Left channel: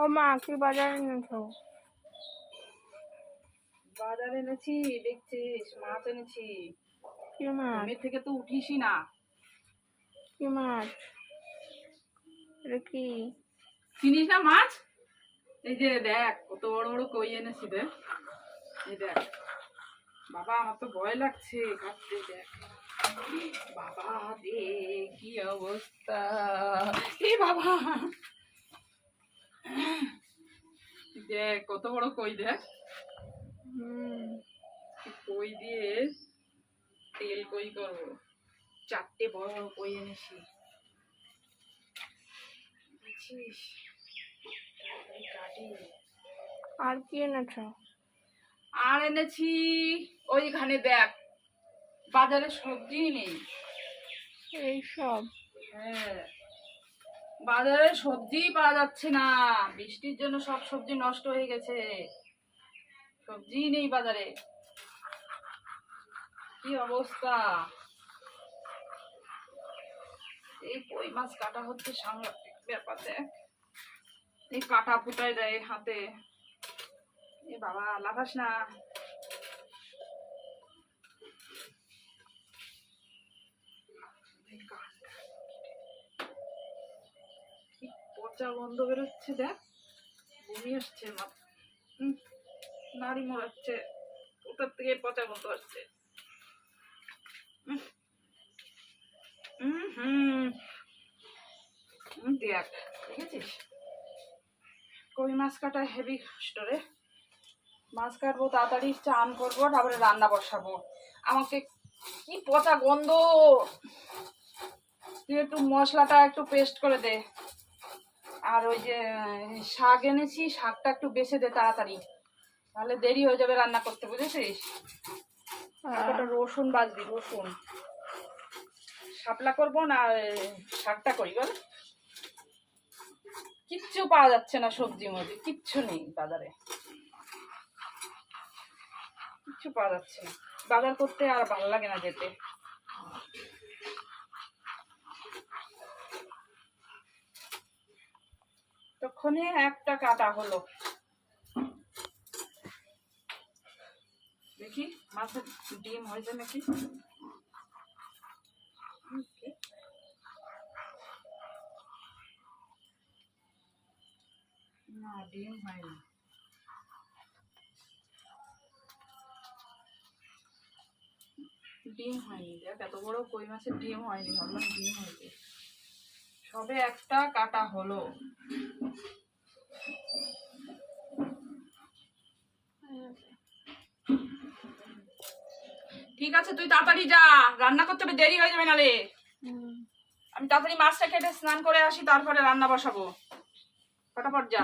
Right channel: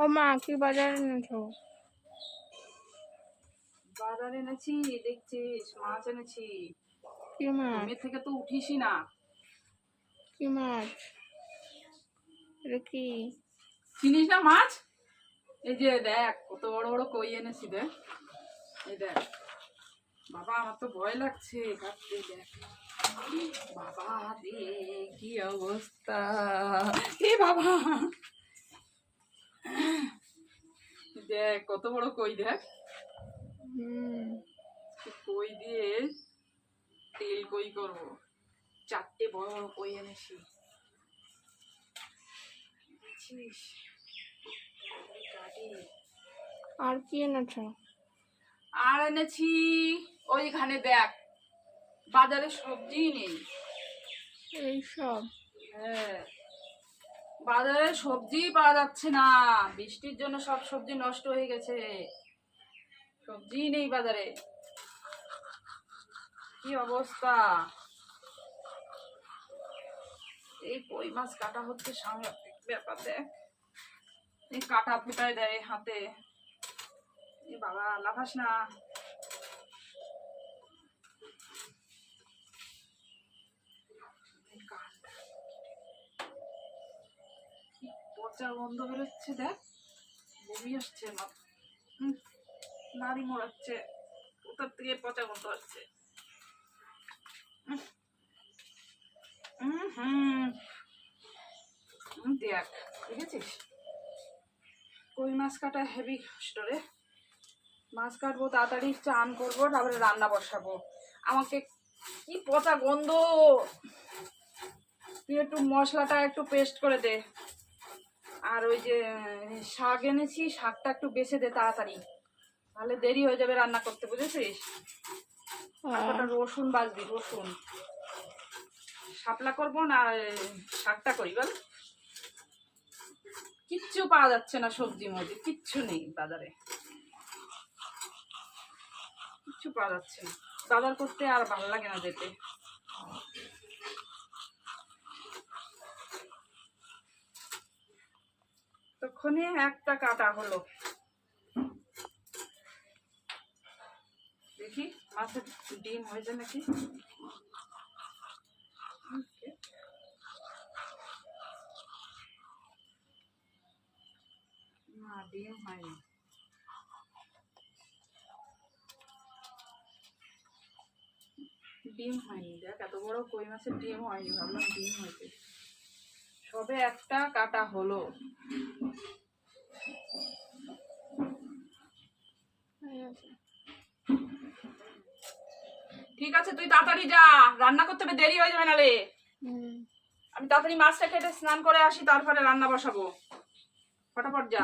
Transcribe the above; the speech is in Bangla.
ও মা, কি বাজার এনেছো? বাজার এনেছি, দেখছিস মাছ এনেছি। কি মাছ? ঘুমের থেকে তো উঠিসই না। কি মাছ? এটা কি? চিনিস না মাছ? এই যে দেখ কত বড় বড় কই এনেছি দেখ। এই দেখ বাবা, আমার তো ভয় লাগছে কাটতে। দেখ বাবা রে, কি অবস্থা! এ বাবা, দেখ কত বড় কই দেখ। কই দিয়ে তেল কই করবো। 4টে বড় বড় কই এনেছি, বুঝছিস? কাটি। আর কি এনেছো? আর এনেছি ওইখানে দেখ, বাজারে সবজি নেই। এইসব? হ্যাঁ, বাজারে সবজি পাওয়া যাচ্ছে না, বৃষ্টির জন্য সব সবজি নষ্ট হয়ে গেছে। সবজি নেই বাজারে, কি অবস্থা! এই কই মাছ কাটা হচ্ছে, সাংঘাতিক ব্যাপার। দেখ এই কাটা ফুটায় দেয় হাতে। এ বাবা, লাফাস না। কি পচা গন্ধ বেরোচ্ছে দেখ, বমি আসছে। নাড়ি মোড়াচ্ছে, কোথার থেকে পচা গন্ধ আসছে। দেখ, দেখেছিস কই মাছ কাটা হেভি কষ্ট রে। মাছ কাটবো, তাড়াতাড়ি চান করবো, তারপরে রান্না বসাবো। আমাকে কি পচা গন্ধ! তুই একটু মশলাটা একটু পেস্ট করে দে। আর ওই যে শাক এনেছি, শাকটা একটু বেছে দে তাড়াতাড়ি, তাহলে দেরি হয়ে যাবে রান্না করতে, বুঝেছিস? আর কটা রসুন বাজবি, রসুন। শাপলা করবো না শাকটা করি বল? কিচ্ছু পাওয়া যাচ্ছে না সবজির মধ্যে, কিচ্ছু নেই বাজারে, কিচ্ছু পাওয়া যাচ্ছে না। বাজার করতে আর ভালো লাগে না যেতে। তখনই একটা কাটা হলো। দেখি মাছের ডিম হয়েছে নাকি। না, ডিম হয়নি। ডিম হয়নি, দেখ এত বড় কই মাছের ডিম হয়নি, ভাবলাম ডিম হয়েছে। সবে একটা কাটা হলো। ঠিক আছে, তুই তাড়াতাড়ি যা, রান্না করতে হবে, দেরি হয়ে যাবে নালে। আমি তাড়াতাড়ি মাছটা কেটে স্নান করে আসি, তারপরে রান্না বসাবো। ফটাফট যা।